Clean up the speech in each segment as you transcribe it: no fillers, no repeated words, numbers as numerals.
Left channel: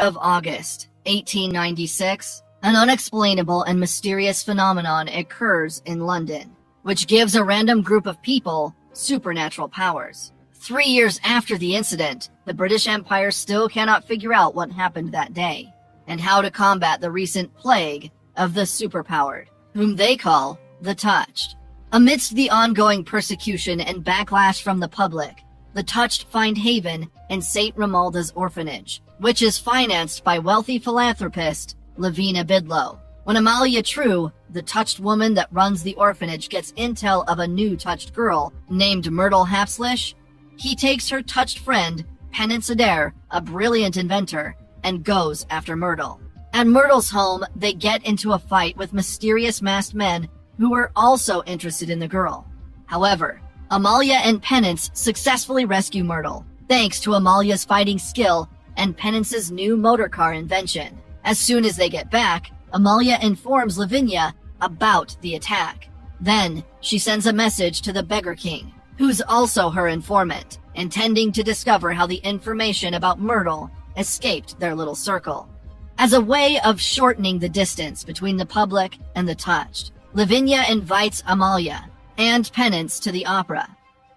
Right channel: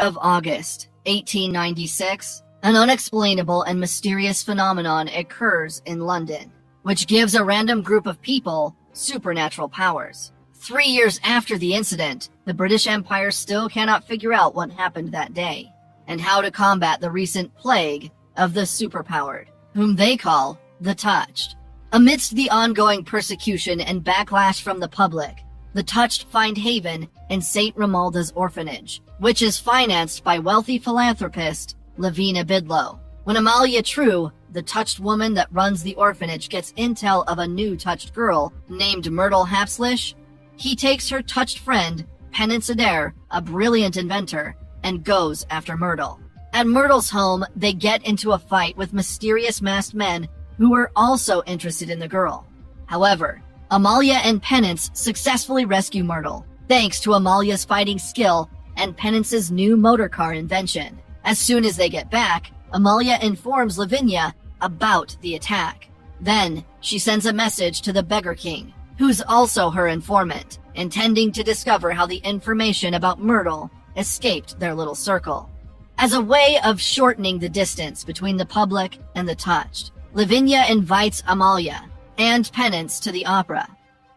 Of August, 1896, an unexplainable and mysterious phenomenon occurs in London, which gives a random group of people supernatural powers. 3 years after the incident, the British Empire still cannot figure out what happened that day, and how to combat the recent plague of the superpowered, whom they call the Touched. Amidst the ongoing persecution and backlash from the public, the Touched find haven in St. Romuald's orphanage, which is financed by wealthy philanthropist Lavinia Bidlow. When Amalia True, the Touched woman that runs the orphanage, gets intel of a new Touched girl named Myrtle Hapslish, he takes her Touched friend, Penance Adair, a brilliant inventor, and goes after Myrtle. At Myrtle's home, they get into a fight with mysterious masked men who are also interested in the girl. However, Amalia and Penance successfully rescue Myrtle, thanks to Amalia's fighting skill and Penance's new motorcar invention. As soon as they get back, Amalia informs Lavinia about the attack. Then, she sends a message to the Beggar King, who's also her informant, intending to discover how the information about Myrtle escaped their little circle. As a way of shortening the distance between the public and the Touched, Lavinia invites Amalia and Penance to the opera.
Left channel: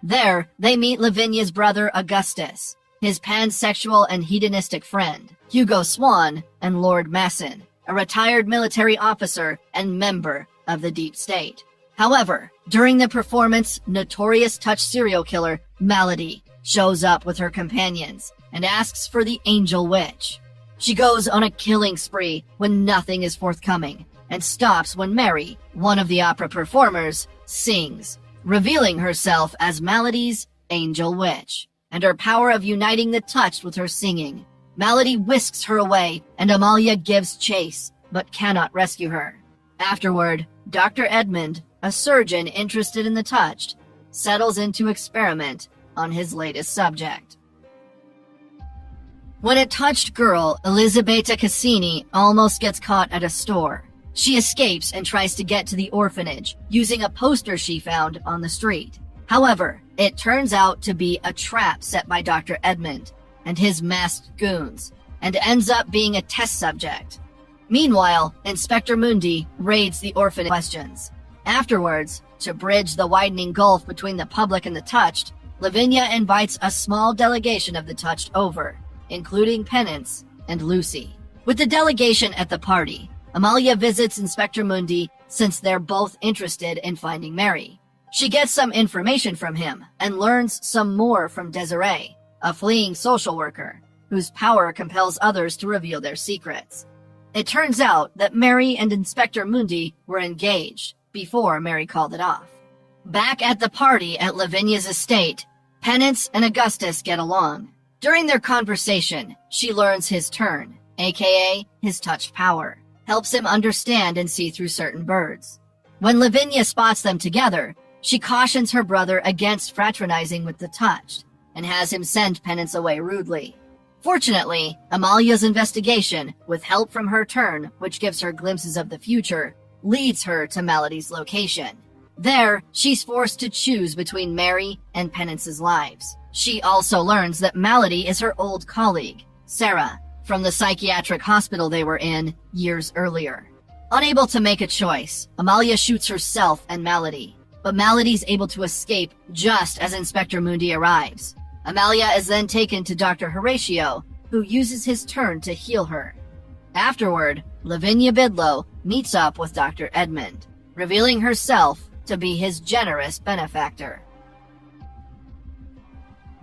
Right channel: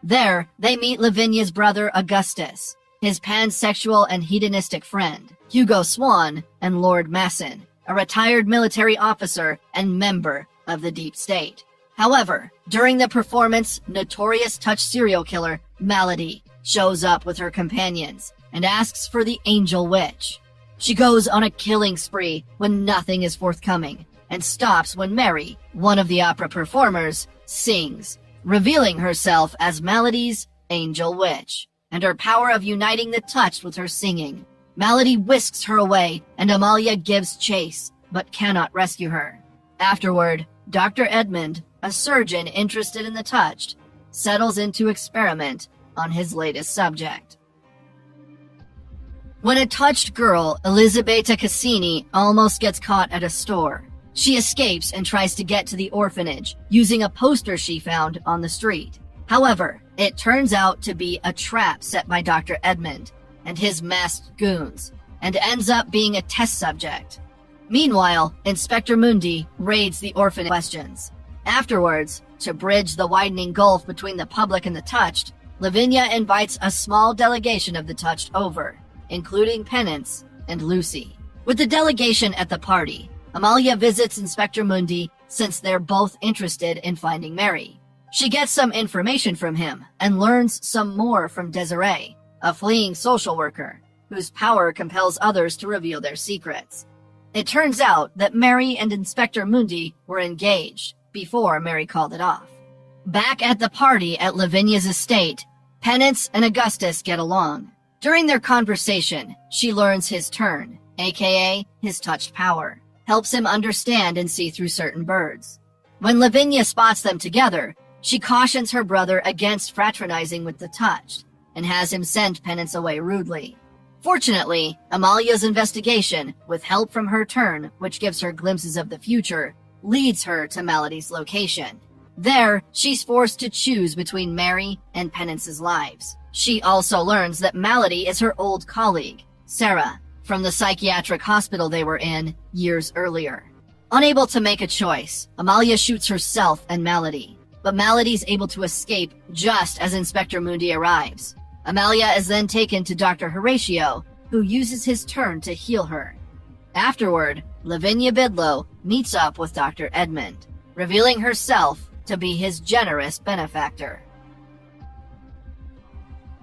There, they meet Lavinia's brother Augustus, his pansexual and hedonistic friend, Hugo Swan, and Lord Masson, a retired military officer and member of the Deep State. However, during the performance, notorious Touched serial killer Malady shows up with her companions and asks for the Angel Witch. She goes on a killing spree when nothing is forthcoming, and stops when Mary, one of the opera performers, sings, revealing herself as Malady's Angel Witch, and her power of uniting the Touched with her singing. Malady whisks her away, and Amalia gives chase, but cannot rescue her. Afterward, Dr. Edmund, a surgeon interested in the Touched, settles in to experiment on his latest subject. When a Touched girl, Elisabetta Cassini, almost gets caught at a store, she escapes and tries to get to the orphanage using a poster she found on the street. However, it turns out to be a trap set by Dr. Edmund and his masked goons, and ends up being a test subject. Meanwhile, Inspector Mundi raids the orphanage questions. Afterwards, to bridge the widening gulf between the public and the Touched, Lavinia invites a small delegation of the Touched over, including Penance and Lucy. With the delegation at the party, Amalia visits Inspector Mundi since they're both interested in finding Mary. She gets some information from him and learns some more from Desiree, a fleeing social worker, whose power compels others to reveal their secrets. It turns out that Mary and Inspector Mundi were engaged before Mary called it off. Back at the party at Lavinia's estate, Penance and Augustus get along. During their conversation, she learns his turn, aka his Touched power, helps him understand and see through certain birds. When Lavinia spots them together, she cautions her brother against fraternizing with the Touched, and has him send Penance away rudely. Fortunately, Amalia's investigation, with help from her turn, which gives her glimpses of the future, leads her to Malady's location. There, she's forced to choose between Mary and Penance's lives. She also learns that Malady is her old colleague, Sarah, from the psychiatric hospital they were in years earlier. Unable to make a choice, Amalia shoots herself and Malady, but Malady's able to escape just as Inspector Mundi arrives. Amalia is then taken to Dr. Horatio, who uses his turn to heal her. Afterward, Lavinia Bidlow meets up with Dr. Edmund, revealing herself to be his generous benefactor.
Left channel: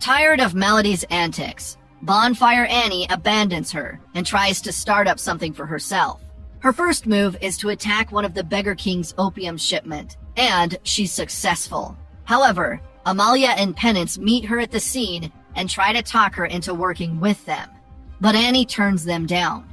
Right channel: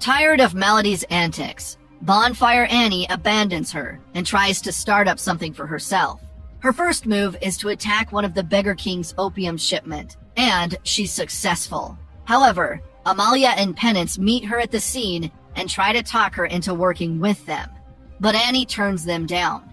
Tired of Malady's antics, Bonfire Annie abandons her and tries to start up something for herself. Her first move is to attack one of the Beggar King's opium shipment, and she's successful. However, Amalia and Penance meet her at the scene and try to talk her into working with them, but Annie turns them down.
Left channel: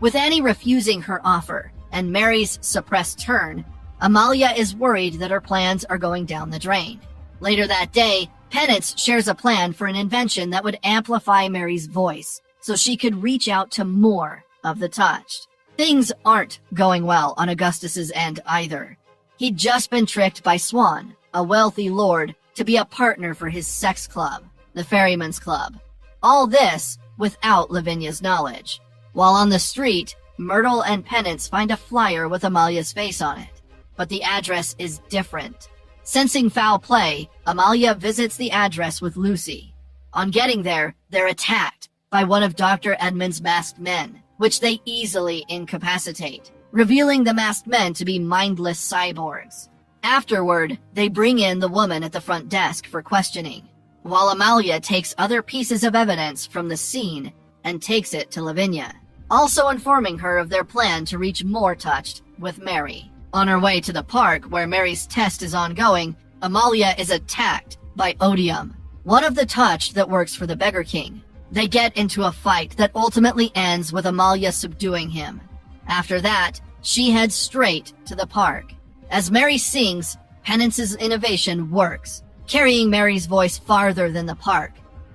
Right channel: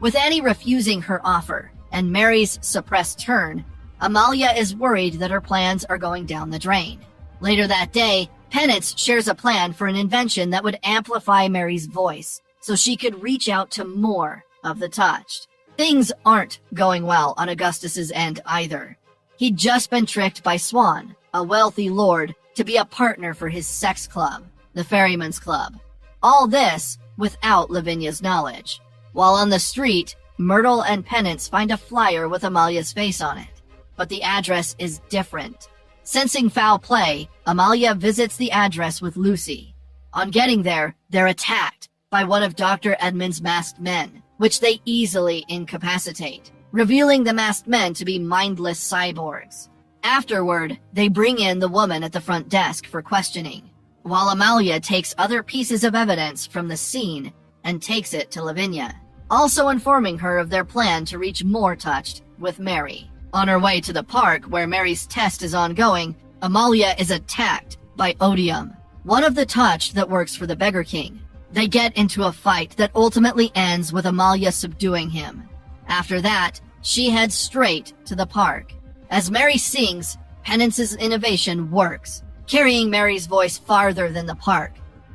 With Annie refusing her offer and Mary's suppressed turn, Amalia is worried that her plans are going down the drain. Later that day, Penance shares a plan for an invention that would amplify Mary's voice so she could reach out to more of the Touched. Things aren't going well on Augustus's end either. He'd just been tricked by Swan, a wealthy lord, to be a partner for his sex club, the Ferryman's Club. All this without Lavinia's knowledge. While on the street, Myrtle and Penance find a flyer with Amalia's face on it, but the address is different. Sensing foul play, Amalia visits the address with Lucy. On getting there, they're attacked by one of Dr. Edmund's masked men, which they easily incapacitate, revealing the masked men to be mindless cyborgs. Afterward, they bring in the woman at the front desk for questioning, while Amalia takes other pieces of evidence from the scene and takes it to Lavinia, also informing her of their plan to reach more Touched with Mary. On her way to the park where Mary's test is ongoing, Amalia is attacked by Odium, one of the Touched that works for the Beggar King. They get into a fight that ultimately ends with Amalia subduing him. After that, she heads straight to the park. As Mary sings, Penance's innovation works, carrying Mary's voice farther than the park.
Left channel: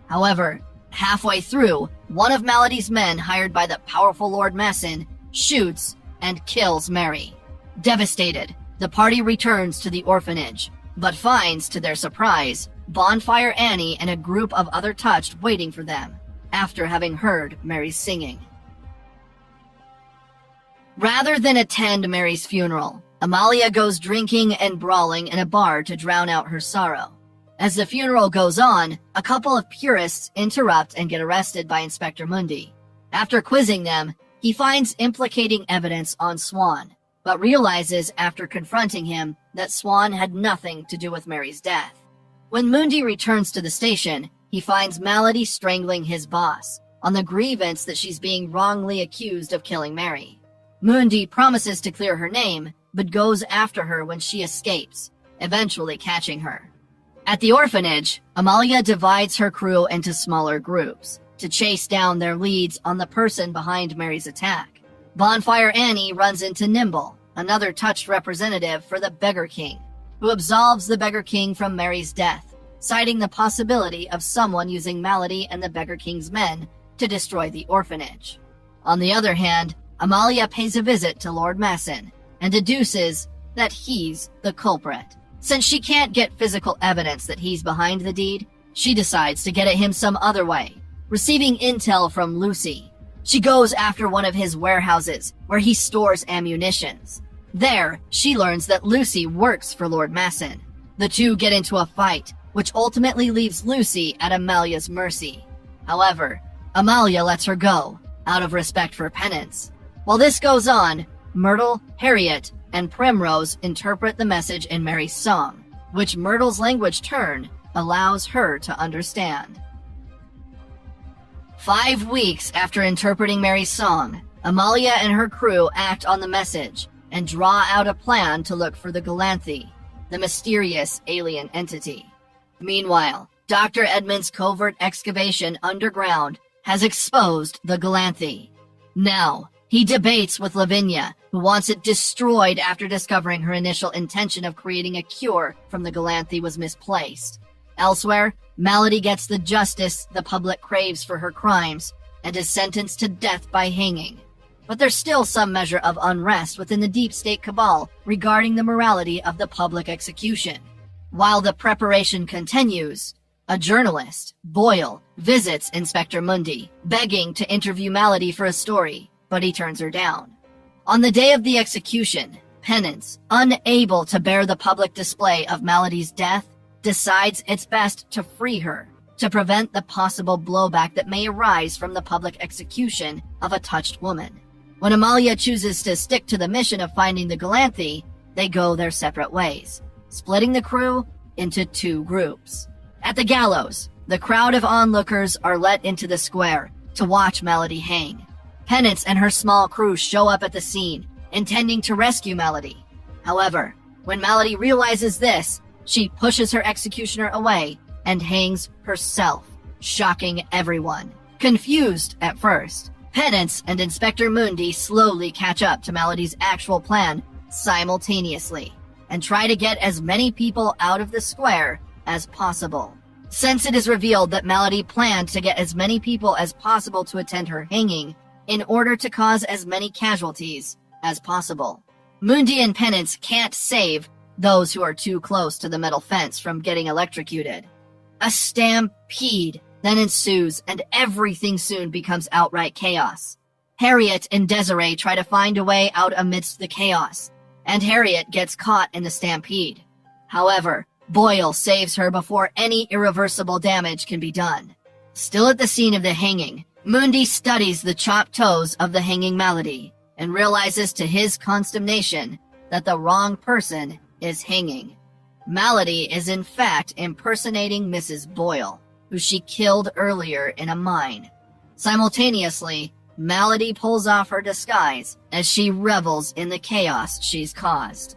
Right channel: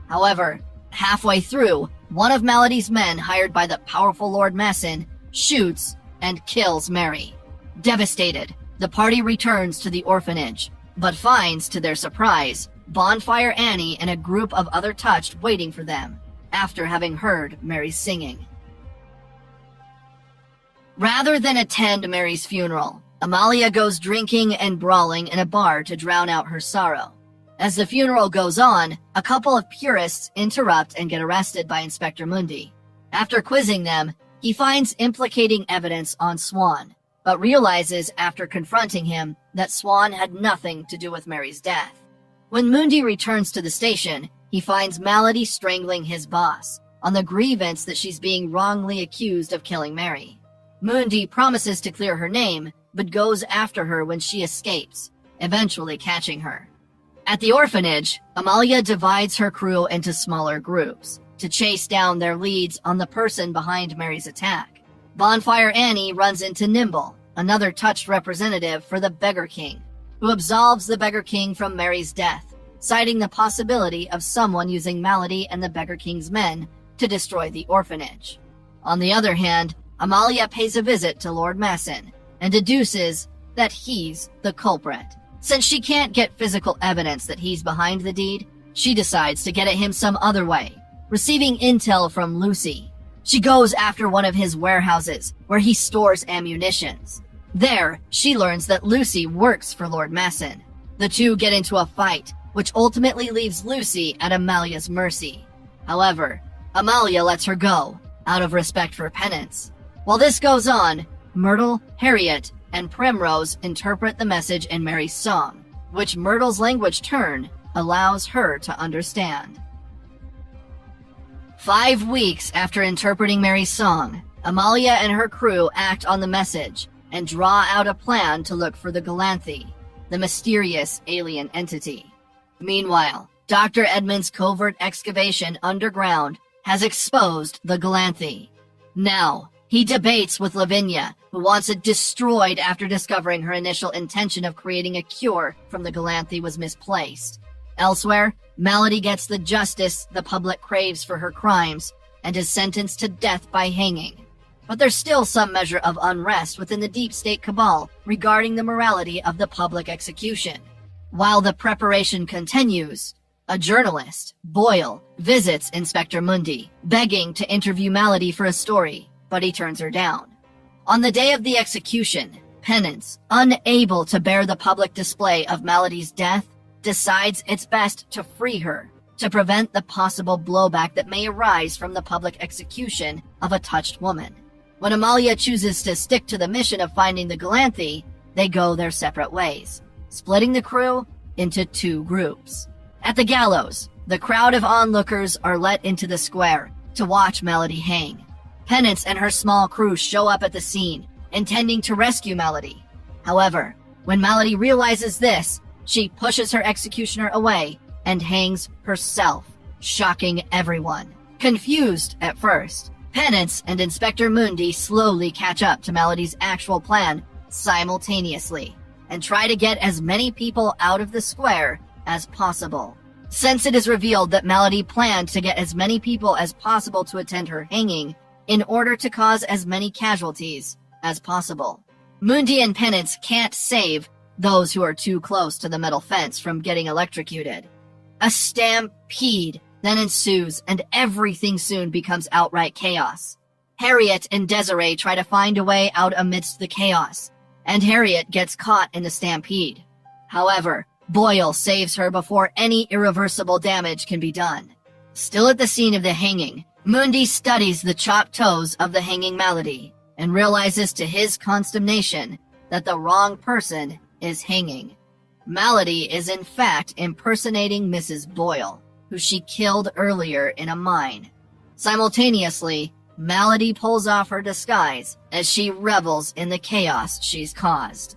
However, halfway through, one of Malady's men hired by the powerful Lord Masson shoots and kills Mary. Devastated, the party returns to the orphanage, but finds, to their surprise, Bonfire Annie and a group of other Touched waiting for them, after having heard Mary's singing. Rather than attend Mary's funeral, Amalia goes drinking and brawling in a bar to drown out her sorrow. As the funeral goes on, a couple of purists interrupt and get arrested by Inspector Mundy. After quizzing them, he finds implicating evidence on Swan, but realizes after confronting him that Swan had nothing to do with Mary's death. When Mundy returns to the station, he finds Malady strangling his boss on the grievance that she's being wrongly accused of killing Mary. Mundy promises to clear her name, but goes after her when she escapes, eventually catching her. At the orphanage, Amalia divides her crew into smaller groups to chase down their leads on the person behind Mary's attack. Bonfire Annie runs into Nimble, another Touched representative for the Beggar King, who absolves the Beggar King from Mary's death, citing the possibility of someone using Malady and the Beggar King's men to destroy the orphanage. On the other hand, Amalia pays a visit to Lord Masson and deduces that he's the culprit. Since she can't get physical evidence that he's behind the deed, she decides to get at him some other way, receiving intel from Lucy. She goes after one of his warehouses, where he stores ammunitions. There, she learns that Lucy works for Lord Masson. The two get into a fight, which ultimately leaves Lucy at Amalia's mercy. However, Amalia lets her go, out of respect for Penance. While this goes on, Myrtle, Harriet, and Primrose interpret the message in Mary's song, which Myrtle's language turn allows her to understand. 5 weeks after interpreting Mary's song, Amalia and her crew act on the message and draw out a plan to look for the Galanthe, the mysterious alien entity. Meanwhile, Dr. Edmund's covert excavation underground has exposed the Galanthe. Now, he debates with Lavinia, who wants it destroyed after discovering her initial intention of creating a cure from the Galanthe was misplaced. Elsewhere, Malady gets the justice the public craves for her crimes and is sentenced to death by hanging. But there's still some measure of unrest within the deep state cabal regarding the morality of the public execution. While the preparation continues, a journalist, Boyle, visits Inspector Mundy, begging to interview Malady for a story, but he turns her down. On the day of the execution, Penance, unable to bear the public display of Malady's death, decides it's best to free her, to prevent the possible blowback that may arise from the public execution of a Touched woman. When Amalia chooses to stick to the mission of finding the Galanthe, they go their separate ways, splitting the crew into 2 groups. At the gallows, the crowd of onlookers are let into the square to watch Malady hang. Penance and her small crew show up at the scene, intending to rescue Malady. However, when Malady realizes this, she pushes her executioner away and hangs herself, shocking everyone. Confused at first, Penance and Inspector Mundy slowly catch up to Malady's actual plan simultaneously and try to get as many people out of the square as possible. Since it is revealed that Malady planned to get as many people as possible to attend her hanging in order to cause as many casualties as possible, Mundy and Penance can't save those who are too close to the metal fence from getting electrocuted. A stampede then ensues, and everything soon becomes outright chaos. Harriet and Desiree try to find a way out amidst the chaos, and Harriet gets caught in the stampede. However, Boyle saves her before any irreversible damage can be done. Still at the scene of the hanging, Mundi studies the chopped toes of the hanging Malady and realizes to his consternation that the wrong person is hanging. Malady is in fact impersonating Mrs. Boyle, who she killed earlier in a mine. Simultaneously, Malady pulls off her disguise as she revels in the chaos she's caused.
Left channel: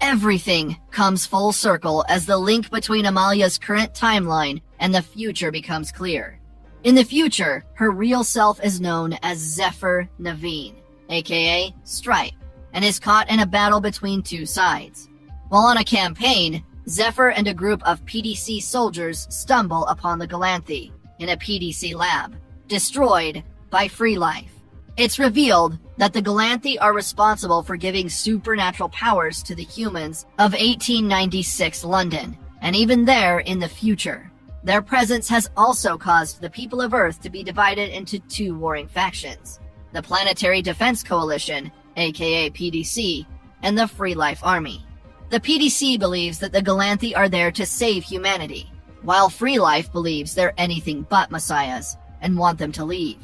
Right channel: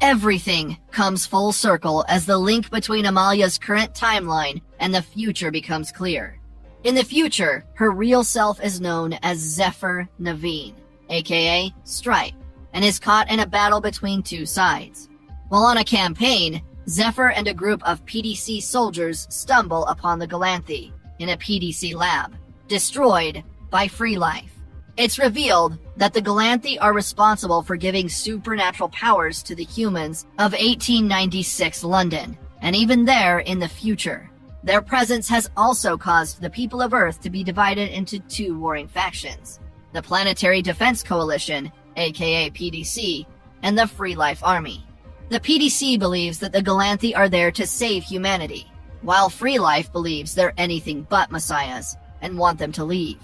Everything comes full circle as the link between Amalia's current timeline and the future becomes clear. In the future, her real self is known as Zephyr Naveen, aka Stripe, and is caught in a battle between two sides. While on a campaign, Zephyr and a group of PDC soldiers stumble upon the Galanthe in a PDC lab, destroyed by Free Life. It's revealed that the Galanthe are responsible for giving supernatural powers to the humans of 1896 London, and even there in the future. Their presence has also caused the people of Earth to be divided into two warring factions: the Planetary Defense Coalition, aka PDC, and the Free Life Army. The PDC believes that the Galanthe are there to save humanity, while Free Life believes they're anything but messiahs and want them to leave.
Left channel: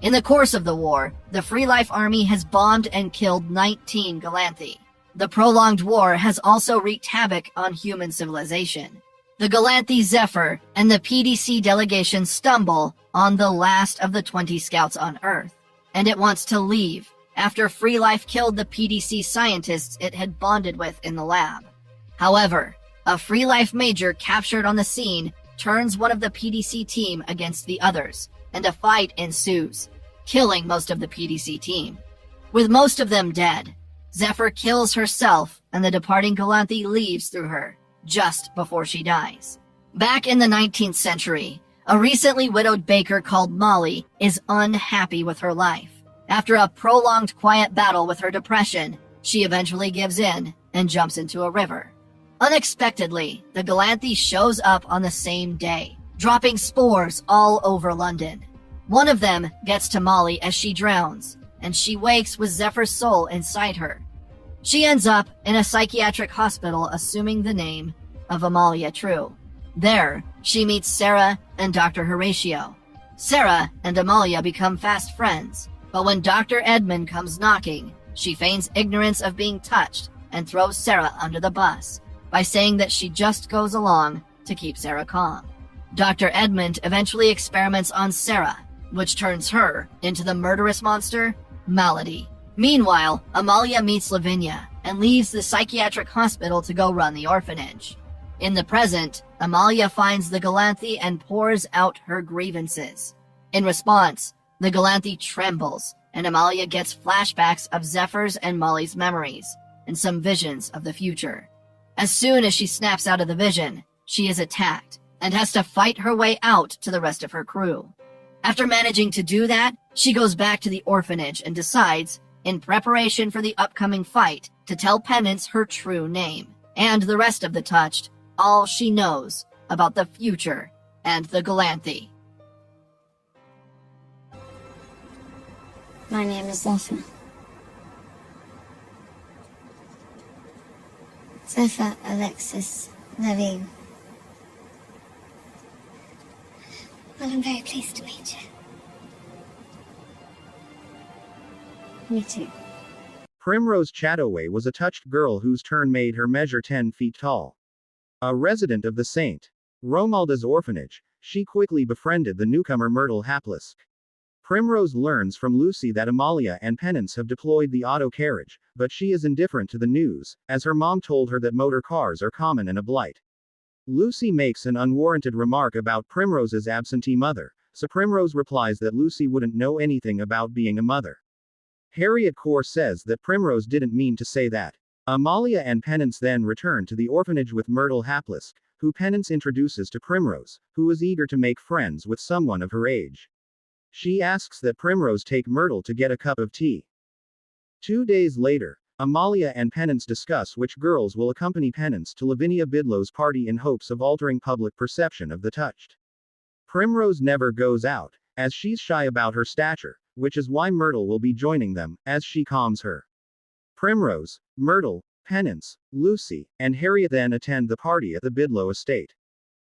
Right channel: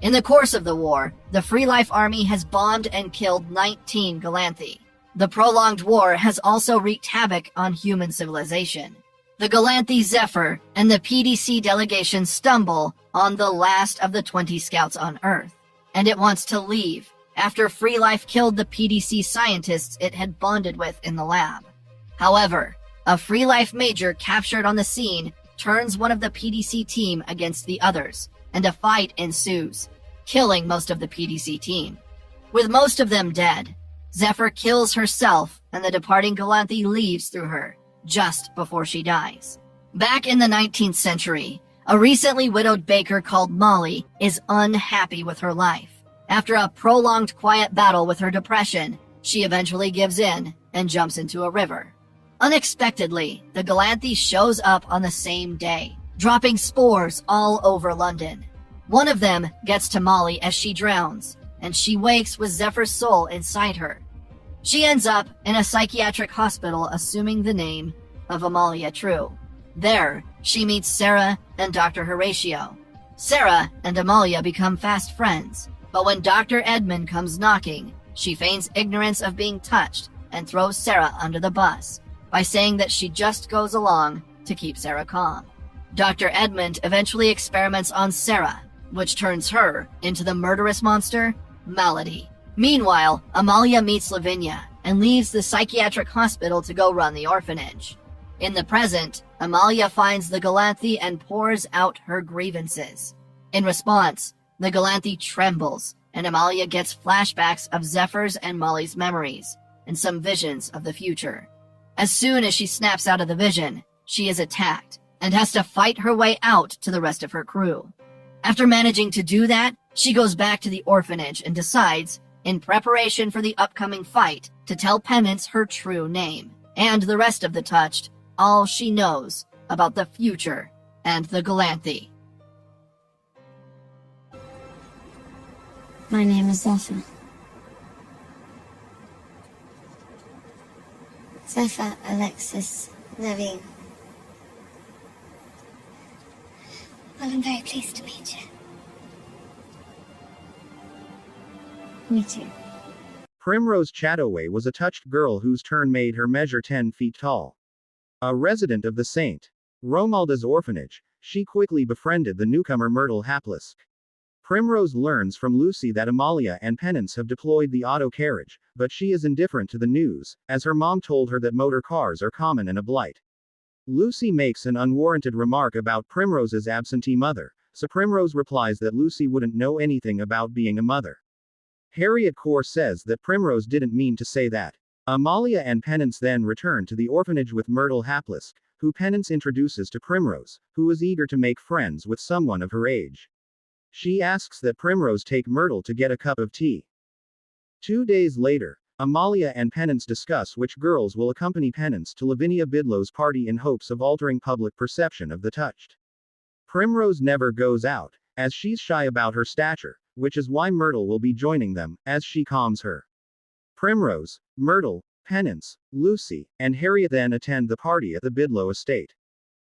In the course of the war, the Free Life Army has bombed and killed 19 Galanthe. The prolonged war has also wreaked havoc on human civilization. The Galanthe Zephyr and the PDC delegation stumble on the last of the 20 scouts on Earth, and it wants to leave after Free Life killed the PDC scientists it had bonded with in the lab. However, a Free Life major captured on the scene turns one of the PDC team against the others, and a fight ensues, killing most of the PDC team. With most of them dead, Zephyr kills herself and the departing Galanthe leaves through her, just before she dies. Back in the 19th century, a recently widowed baker called Molly is unhappy with her life. After a prolonged quiet battle with her depression, she eventually gives in and jumps into a river. Unexpectedly, the Galanthe shows up on the same day, dropping spores all over London. One of them gets to Molly as she drowns, and she wakes with Zephyr's soul inside her. She ends up in a psychiatric hospital assuming the name of Amalia True. There, she meets Sarah and Dr. Horatio. Sarah and Amalia become fast friends, but when Dr. Edmund comes knocking, she feigns ignorance of being touched and throws Sarah under the bus by saying that she just goes along to keep Sarah calm. Dr. Edmund eventually experiments on Sarah, which turns her into the murderous monster, Malady. Meanwhile, Amalia meets Lavinia and leaves the psychiatric hospital to go run the orphanage. In the present, Amalia finds the Galanthe and pours out her grievances. In response, the Galanthe trembles, and Amalia gets flashbacks of Zephyr's and Molly's memories, and some visions of the future. As soon as she snaps out of the vision, she is attacked, and has to fight her way out to the rest of her crew. After managing to do that, she goes back to the orphanage and decides, in preparation for the upcoming fight, to tell Penance her true name, and the rest of the Touched all she knows about the future and the Galanthe. My name is Zephyr. Zephyr Alexis Naveen. Well, I'm very pleased to meet you. Me too. Primrose Chattoway was a touched girl whose turn made her measure 10 feet tall. A resident of the St. Romuald's orphanage, she quickly befriended the newcomer Myrtle Haplisk. Primrose learns from Lucy that Amalia and Penance have deployed the auto carriage, but she is indifferent to the news, as her mom told her that motor cars are common and a blight. Lucy makes an unwarranted remark about Primrose's absentee mother, so Primrose replies that Lucy wouldn't know anything about being a mother. Harriet Core says that Primrose didn't mean to say that. Amalia and Penance then return to the orphanage with Myrtle Haplisk, who Penance introduces to Primrose, who is eager to make friends with someone of her age. She asks that Primrose take Myrtle to get a cup of tea. 2 days later, Amalia and Penance discuss which girls will accompany Penance to Lavinia Bidlow's party in hopes of altering public perception of the Touched. Primrose never goes out, as she's shy about her stature, which is why Myrtle will be joining them, as she calms her. Primrose, Myrtle, Penance, Lucy, and Harriet then attend the party at the Bidlow estate.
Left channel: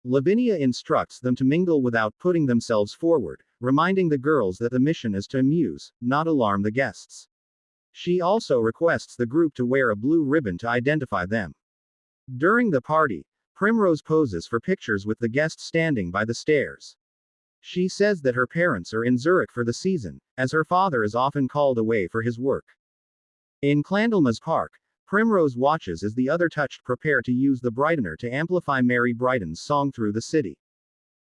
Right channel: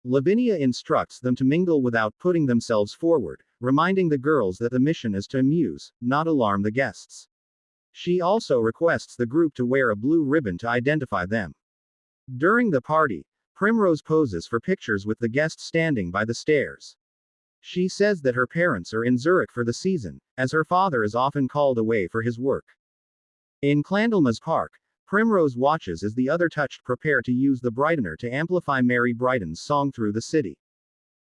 Lavinia instructs them to mingle without putting themselves forward, reminding the girls that the mission is to amuse, not alarm the guests. She also requests the group to wear a blue ribbon to identify them. During the party, Primrose poses for pictures with the guests standing by the stairs. She says that her parents are in Zurich for the season, as her father is often called away for his work. In Clandlemas Park, Primrose watches as the other Touched prepare to use the Brightener to amplify Mary Brighton's song through the city.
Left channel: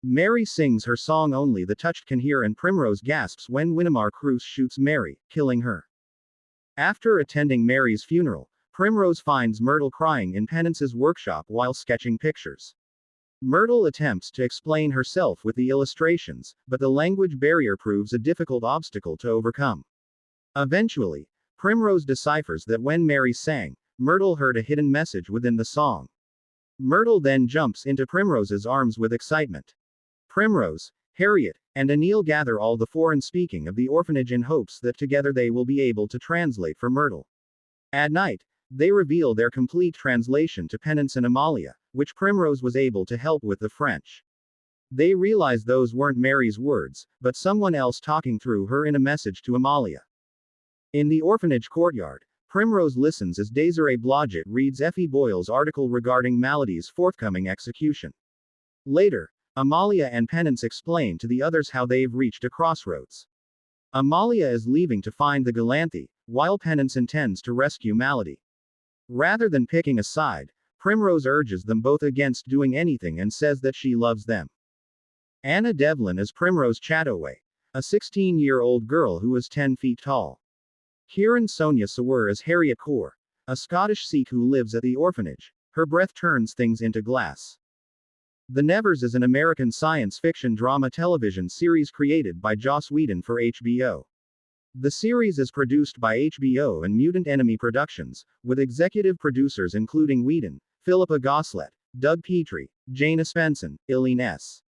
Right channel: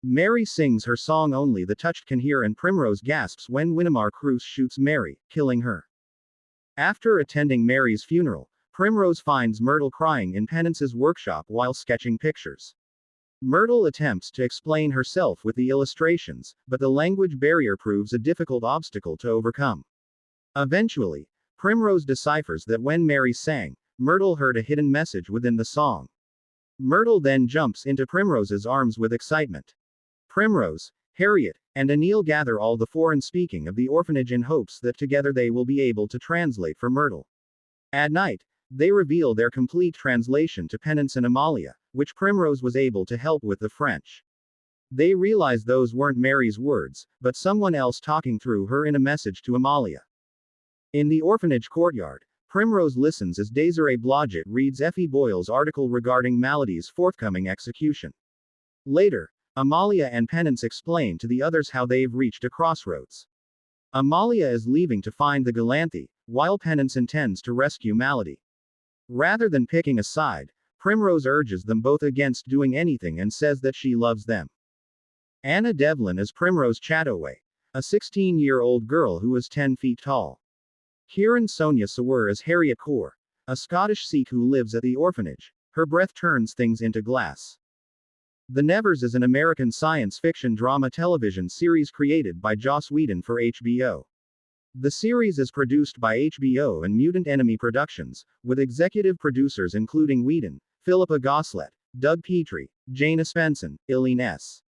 Mary sings her song only the Touched can hear, and Primrose gasps when Winnemar Cruz shoots Mary, killing her. After attending Mary's funeral, Primrose finds Myrtle crying in Penance's workshop while sketching pictures. Myrtle attempts to explain herself with the illustrations, but the language barrier proves a difficult obstacle to overcome. Eventually, Primrose deciphers that when Mary sang, Myrtle heard a hidden message within the song. Myrtle then jumps into Primrose's arms with excitement. Primrose, Harriet, and Anil gather all the foreign speaking of the orphanage in hopes that together they will be able to translate for Myrtle. At night, they reveal their complete translation to Penance and Amalia, which Primrose was able to help with the French. They realize those weren't Mary's words, but someone else talking through her in a message to Amalia. In the orphanage courtyard, Primrose listens as Desiree Blodgett reads Effie Boyle's article regarding Malady's forthcoming execution. Later, Amalia and Penance explain to the others how they've reached a crossroads. Amalia is leaving to find the Galanthe, while Penance intends to rescue Malady. Rather than picking a side, Primrose urges them both against doing anything and says that she loves them. Anna Devlin is Primrose Chattoway, a 16-year-old girl who is 10 feet tall. Kieran Sonia Sawar is Harriet Kaur, a Scottish Sikh who lives at the orphanage. Her breath turns things into glass. The Nevers is an American science fiction drama television series created by Joss Whedon for HBO. The series is produced by HBO and Mutant Enemy Productions, with executive producers including Whedon, Philippa Goslett, Doug Petrie, Jane Espenson, Eileen S.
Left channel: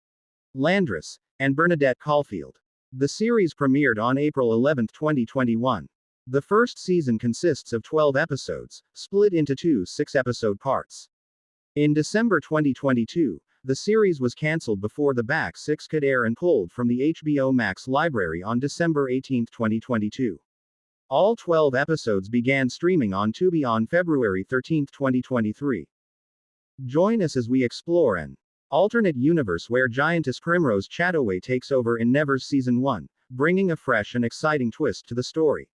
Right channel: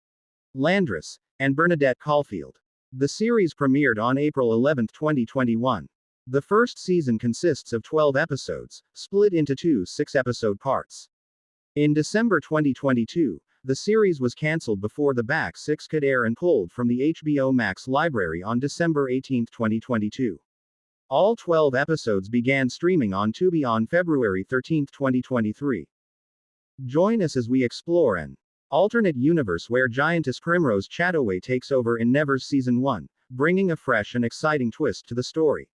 Landris, and Bernadette Caulfield. The series premiered on April 11, 2021. The first season consists of 12 episodes, split into two 6-episode parts. In December 2022, the series was cancelled before the back 6 could air and pulled from the HBO Max library on December 18, 2022. All 12 episodes began streaming on Tubi on February 13, 2023. Join us as we explore an alternate universe where Giantess Primrose Chattoway takes over in Nevers Season 1, bringing a fresh and exciting twist to the story.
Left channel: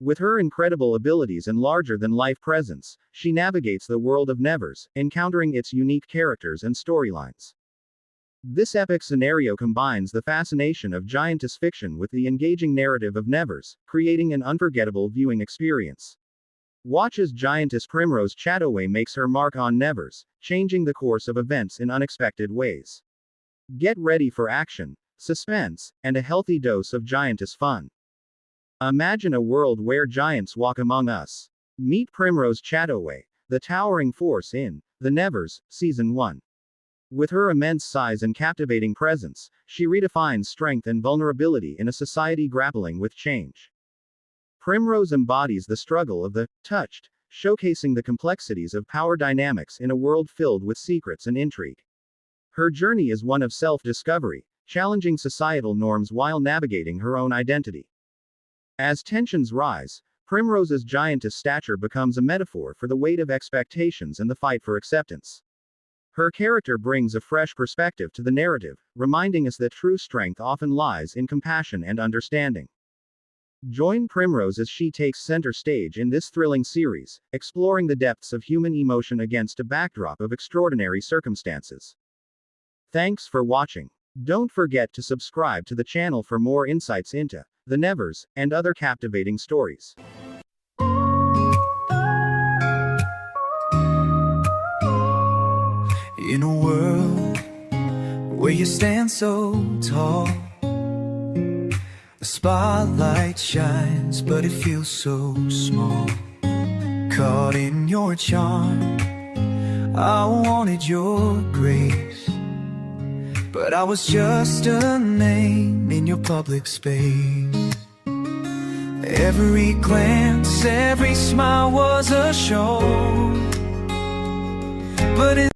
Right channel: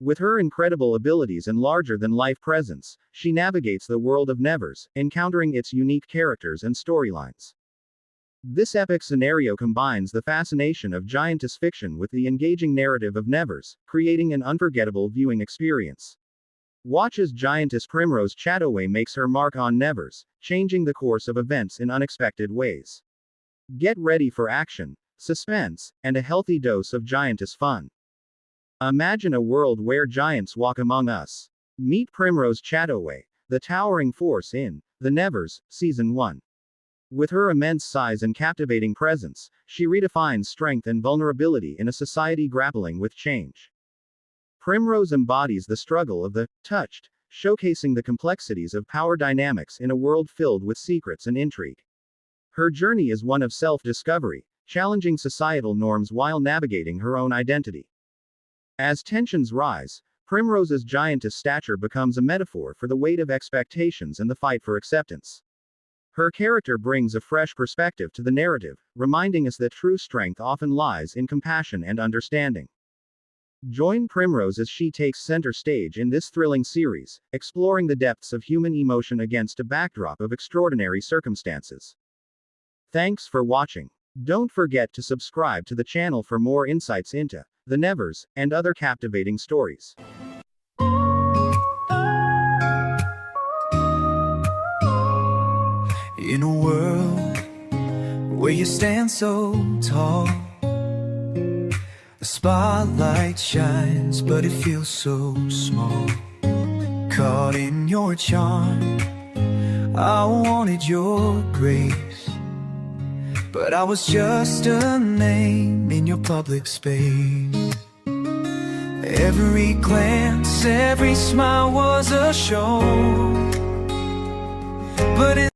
With her incredible abilities and larger-than-life presence, she navigates the world of Nevers, encountering its unique characters and storylines. This epic scenario combines the fascination of Giantess fiction with the engaging narrative of Nevers, creating an unforgettable viewing experience. Watch as Giantess Primrose Chattoway makes her mark on Nevers, changing the course of events in unexpected ways. Get ready for action, suspense, and a healthy dose of Giantess fun. Imagine a world where giants walk among us. Meet Primrose Chattoway, the towering force in The Nevers, Season 1. With her immense size and captivating presence, she redefines strength and vulnerability in a society grappling with change. Primrose embodies the struggle of the Touched, showcasing the complexities of power dynamics in a world filled with secrets and intrigue. Her journey is one of self-discovery, challenging societal norms while navigating her own identity. As tensions rise, Primrose's giantess stature becomes a metaphor for the weight of expectations and the fight for acceptance. Her character brings a fresh perspective to the narrative, reminding us that true strength often lies in compassion and understanding. Join Primrose as she takes center stage in this thrilling series, exploring the depths of human emotion against a backdrop of extraordinary circumstances. Thanks for watching. Don't forget to subscribe to the channel for more insights into The Nevers, and other captivating stories. In a world where you stand so tall, the spotlight shines, but it feels so small. Caught in your charm, I wanted your grace, but I was just a name in your public space. Every glance, every smile was a show, but